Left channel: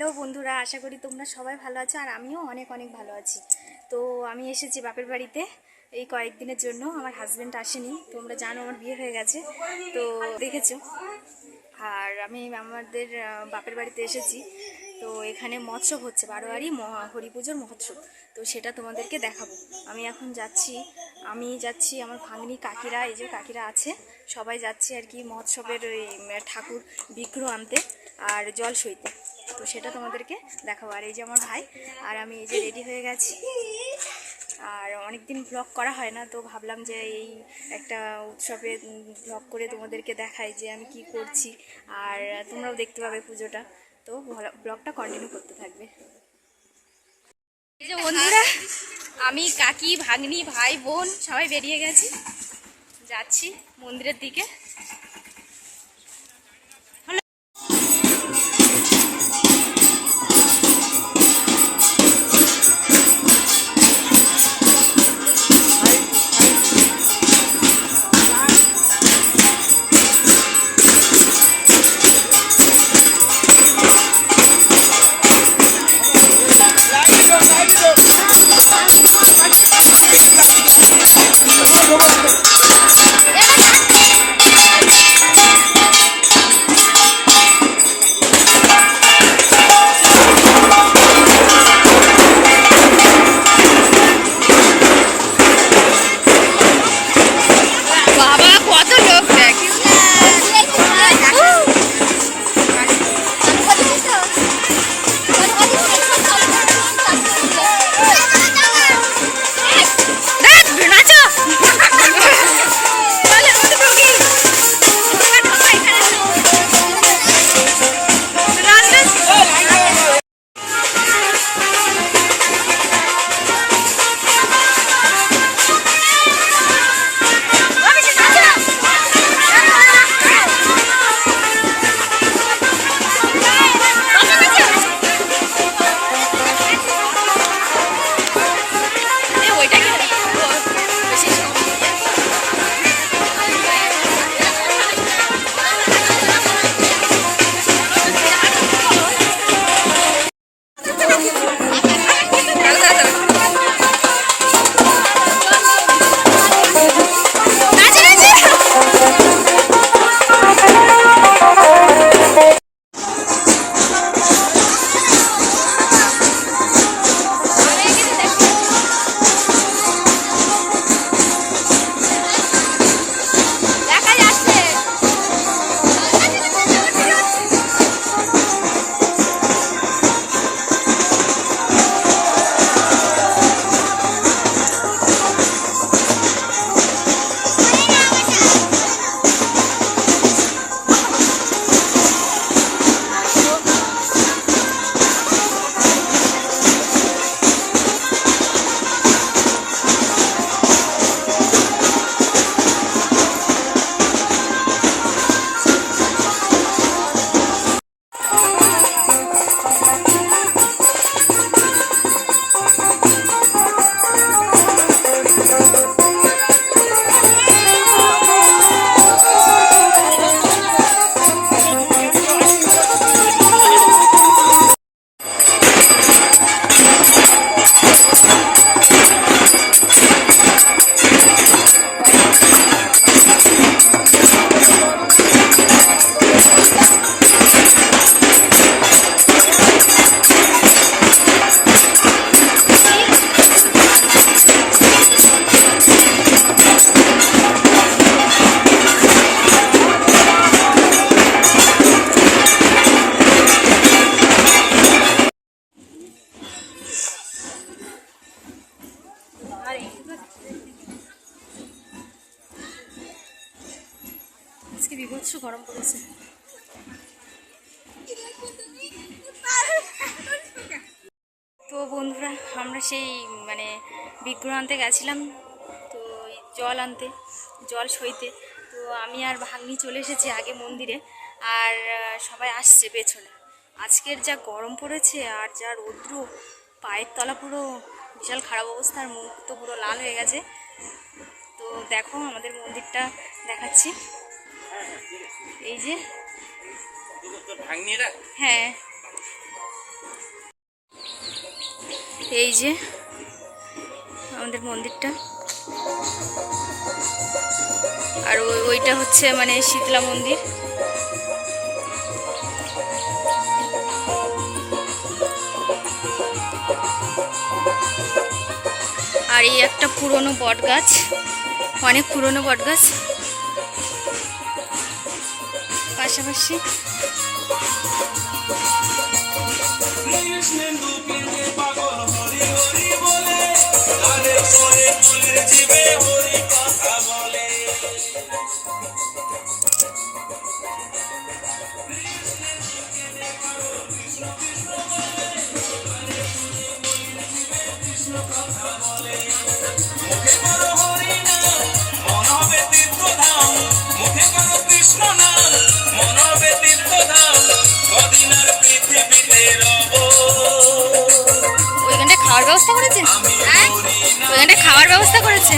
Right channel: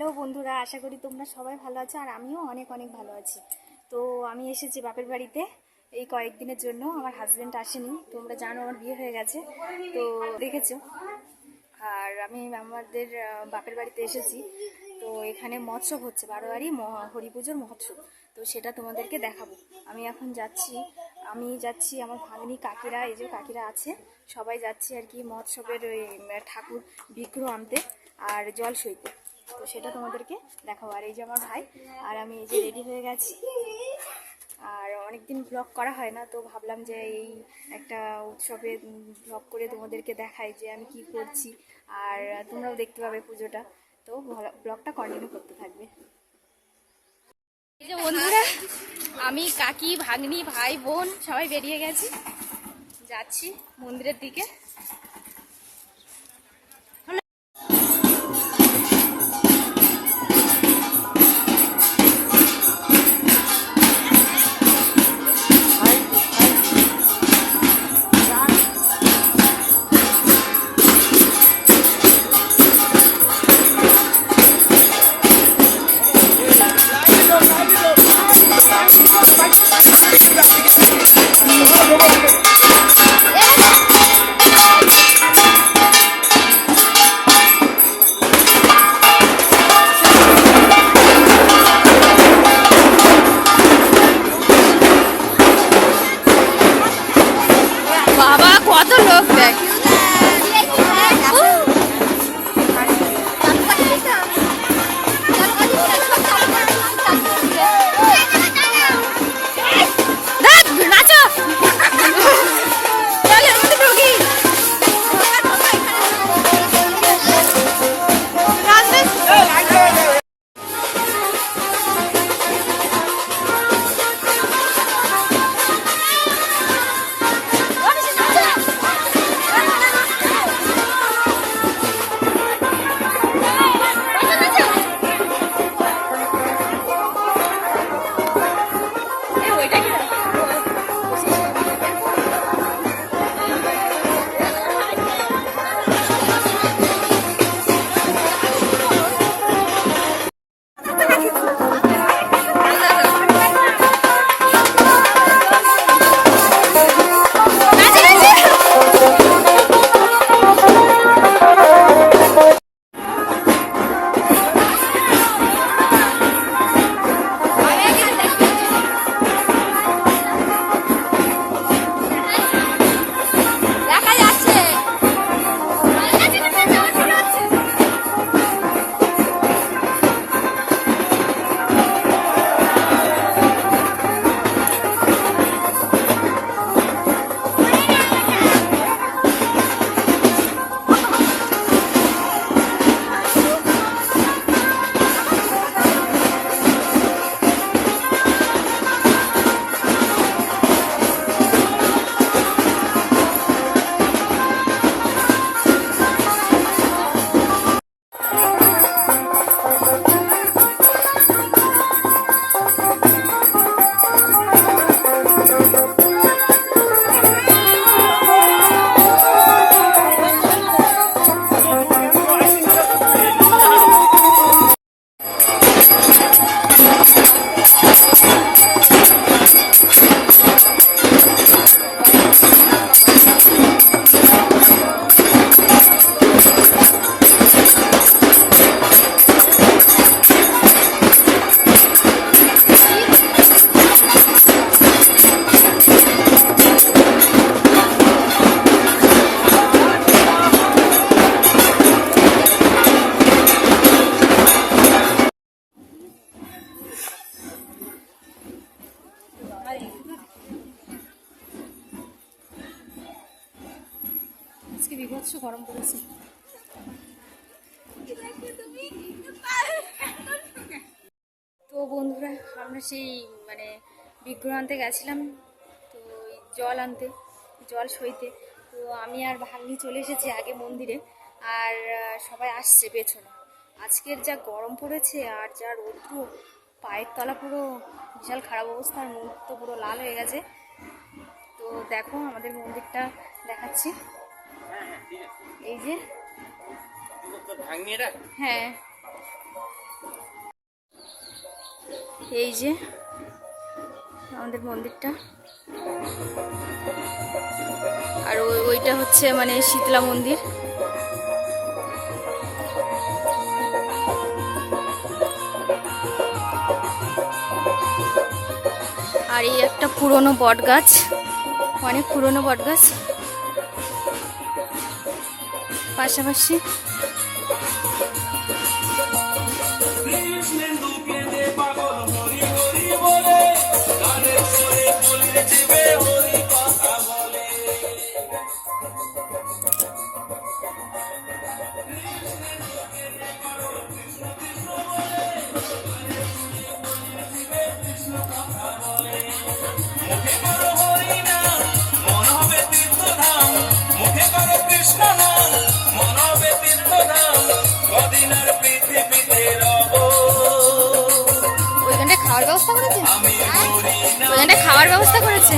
Hello বন্ধুরা, আশা করি তোমরা সবাই ভালো আছো আর আমিও অনেক অনেক ভালো আছি। তো আমি এসেছি বাপের বাড়িতে, এই কয়েকদিনের জন্য, আমার হাজব্যান্ড আসেনি, তোমরা জানো আমার বিয়ে হয়ে গেছে, তো দেখেছ। আর আমি আমাদের বাপের বাড়িতে এসেছি, তো এখানে মৎসব হচ্ছে, বারোয়ারি হরি পুজোর মহোৎসব, তো সেটা তোমাদেরকে দেখাবো। আমি এখন যাচ্ছি, আমি যাচ্ছি, আমার ভাগ্নি কাকিরা, এই যে কাকিরা আছে, সবাই যাচ্ছি আর কি মহোৎসবের ওই ঠাকুর বিগ্রহ আনতে। আর জল সইতে। তো সেটা তোমাদেরকে দেখাবো। আর এই যে আমার ভাই, আর আমি এই যে রেডি হয়ে গেছি। আর অনেক দিন ব্লগ করা হয় না, তো ভাবলাম যে এই একটা উৎসবে ব্লগ করে তোমাদেরকে দেখাই যে আমি কি করছি। আর তোমরাও দেখতে পাবে পুজোটা। তো ব্লগটা কন্টিনিউ করতে থাকবে। এই যে বন্ধুরা, আমি কাকি, ভাগ্নি, ভাই, বোন সবাই বেরিয়ে গেছি। যাচ্ছি মন্দিরের দিকে। বন্ধুরা আমরা সেই মানে বিগ্রহ আনতে গেছিলাম তো ওই জল আনতে জল সইতে। তো আমি আর ভাগ্নি চলে এসেছি আগে মন্দিরে আর সবাই আসছে পেছনে। আজকের যা গরম পড়েছে আর যা রৌদ্র পায়ের তলা পুরো বিশাল খারাপ অবস্থা আর মুখ তো পুরো লাল হয়ে গেছে। তো দেখো আমাদের মন্দিরটা দেখাচ্ছি। এই যে হ্যাঁ। এই যে আমাদের মন্দিরটা। আর ওই, ওইটা হচ্ছে মানে শীতলা মন্দির। আর এই একটা পুরনো বট গাছ অনেক পুরনো বট গাছ পাশাপাশি জীবে খাওয়ার ব্যবস্থা করেছে? ওইখানটা খাওয়ার ব্যবস্থা করেছে?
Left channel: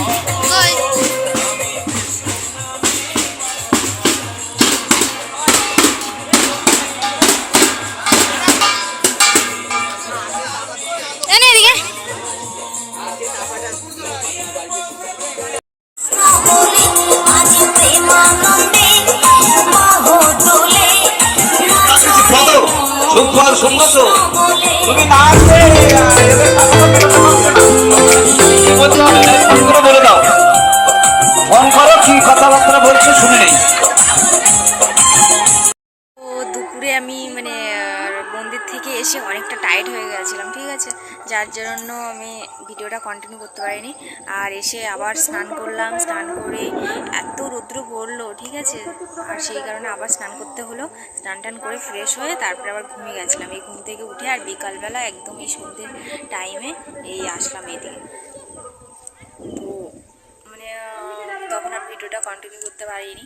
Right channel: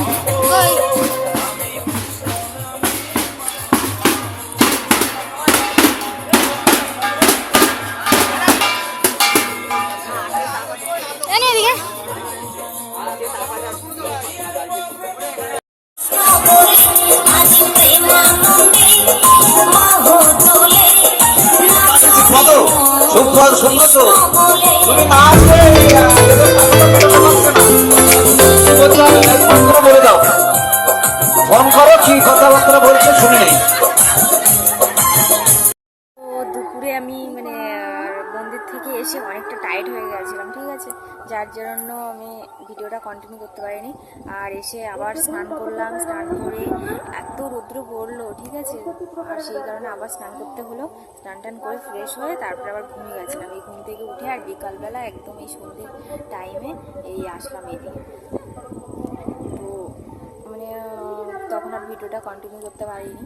তুমি না ভিডিওটা কন্টিনিউ করতে পারিনি। আর এসে আবার স্নান করলাম। স্নান করে এত রৌদ্র পড়ল, ঠিক আছে? আর সেই কারণে আবার স্নান করতে হলো। স্নান টান করে ফ্রেশ হয়ে তারপরে আবার ঘুমিয়ে গেছিলাম। এই ঘুম থেকে উঠে আর বিকালবেলা একদম এই সন্ধ্যের টাইমে এই আসলাম এইদিকে তো মানে তখন আর ভিডিওটা কন্টিনিউ করতে পারিনি।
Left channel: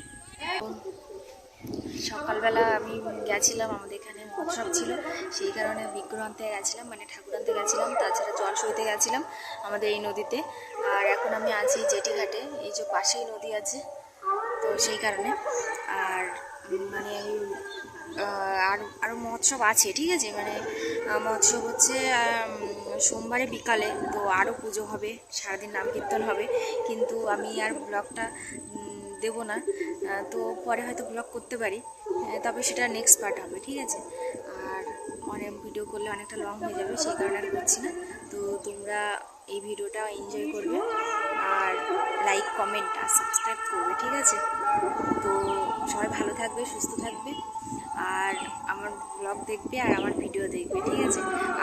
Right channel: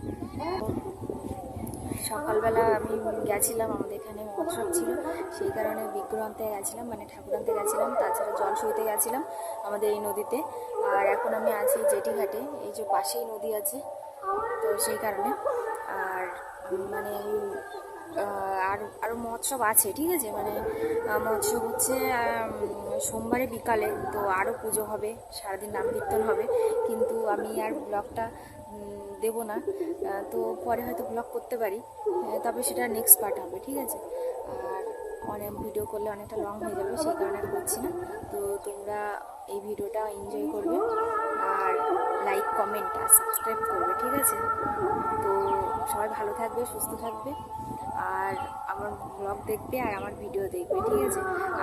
সকালবেলা আমি গেছিলাম, আমাদের এখানে মহোৎসব ছিল, সেই কারণে বিগ্রহ আনতে গেছিলাম মানে ঠাকুর আনতে গেছিলাম, তাছাড়া জল সইতে গেছিলাম আমাদের এই নদীতে। আর এখন আমি আছি জেটি ঘাটে এই যে পাশেই নদী আছে, তো সেই কারণে। আর মানে আমি আর আরও মহোৎসব আছে, ঠিক আছে? মানে মহোৎসব হচ্ছে সোমবারে বিকালে, তো আরও পুজো হবে, সারাদিন নাম কীর্তন হবে, কিন্তু আমি আর ব্লগটা দেবো না। তো পরে হয়তো ব্লগ করতে পারি তবে সেটা নেক্সট পার্ট হবে, ঠিক আছে? আর অনেক ভিডিও করলে অনেকটা লং হয়ে যাবে, সেই কারণে আর করছি না। তো তোমরা এই ভিডিওটা এনজয় করবে, আর লাইক কমেন্ট আর সাবস্ক্রাইব করবে, ঠিক আছে? তো সবাই ভালো থাকবে, সুস্থ থাকবে। আর আমার ব্লগ দেখবে আর আমার ভিডিও দেখবে, ঠিক আছে?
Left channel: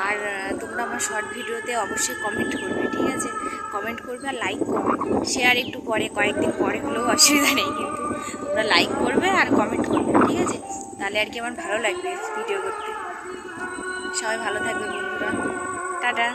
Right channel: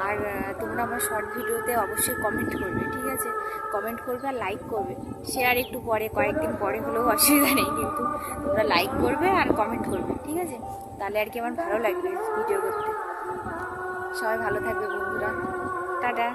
আর তোমরা আমার শর্ট ভিডিওতে অবশ্যই কমেন্ট করবে, ঠিক আছে? কমেন্ট করবে আর লাইক করবে। শেয়ার একটু পরে, কয়েকদিন পরে হলেও অসুবিধা নেই, কিন্তু তোমরা লাইক করবে আর কমেন্ট করবে, ঠিক আছে? তাহলে আর কি আমার ভালো লাগবে ভিডিও করতে। সবাই ভালো থাকবে বন্ধুরা। টাটা।